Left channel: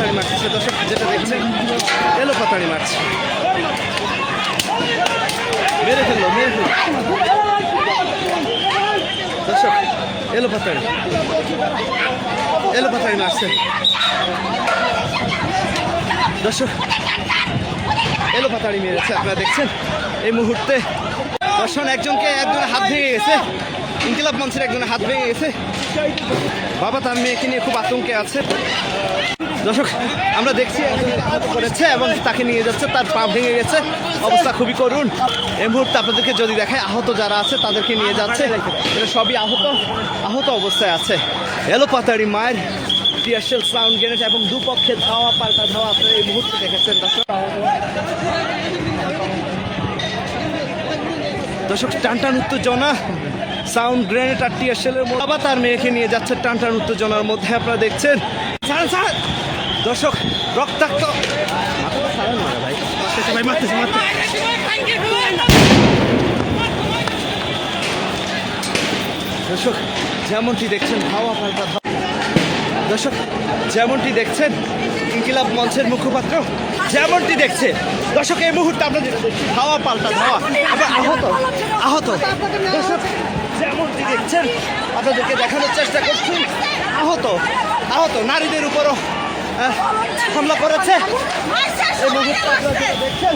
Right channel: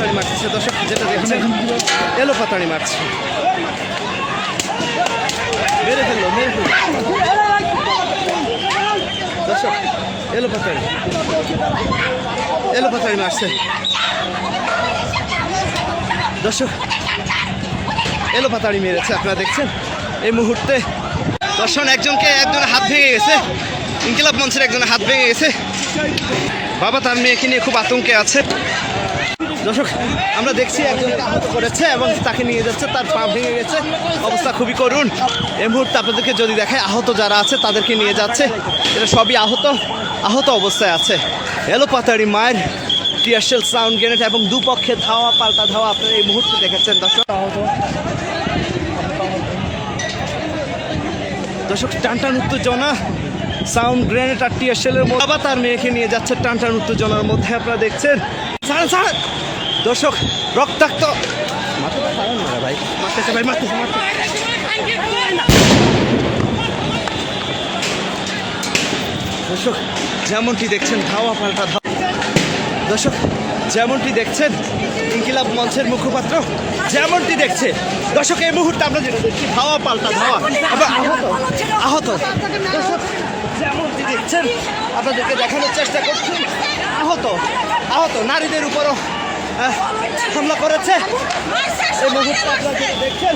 পাতাড়ি মারছে দর্শক, যেটা দেখছেন এলো পাতাড়ি মারছে, মেরে ফেললো দর্শক, এলো পাতাড়ি মারছে দর্শক, এলো পাতাড়ি মেরেছে। আপনারা দেখছেন এই মুহূর্তে দর্শন একজনের হাত ভেঙে গেছে, ইনকিলাব মঞ্চের একজনের হাত ভেঙে গেছে। বাবা তার মেয়েকে নিয়ে খুব আতঙ্কে আছে দর্শক। আমরা দেখছি একজনকে আহত করেছে এবং তাকে নিয়ে যাচ্ছে, তার পা ভেঙে গেছে, অবস্থা খুবই করুণ। এই মুহূর্তে আপনাদেরকে যদি দেখায় আহত যারা আছে তাদেরকে নিয়ে যাচ্ছে, এটা সবই আহত অবস্থায় আছে। এলো পাতাড়ি মায়ের টিয়ারশেল, সাউন্ড গ্রেনেড এবং দুপক্ষে ধাওয়া পাল্টা ধাওয়া আপনারা এই মুহূর্তে দেখেছেন দর্শক। টানটান উত্তেজনা, সাউন্ড গ্রেনেড আর টিয়ারশেলের মধ্যে বাবা তার মেয়েকে নিয়ে যাচ্ছে টানটান উত্তেজনার মধ্যে। আপনারা দেখছেন দর্শক, রক্তাক্ত দর্শক যেমনটি দেখছেন ধাওয়া পাল্টা ধাওয়া দর্শক, যেমনটি দেখছেন ইনকিলাব মঞ্চের মুখপাত্র যেমনটি দেখছে দর্শক, এই মুহূর্তে আমরা যেটা দেখছি ধাওয়া পাল্টা ধাওয়া এবং আহত দর্শক, যেমনটি দেখছেন আপনাদেরকে দেখানোর চেষ্টা করছি, আহত নারীদের উপরও হামলা করেছে এই মুহূর্তে আপনারা যেটা দেখছেন।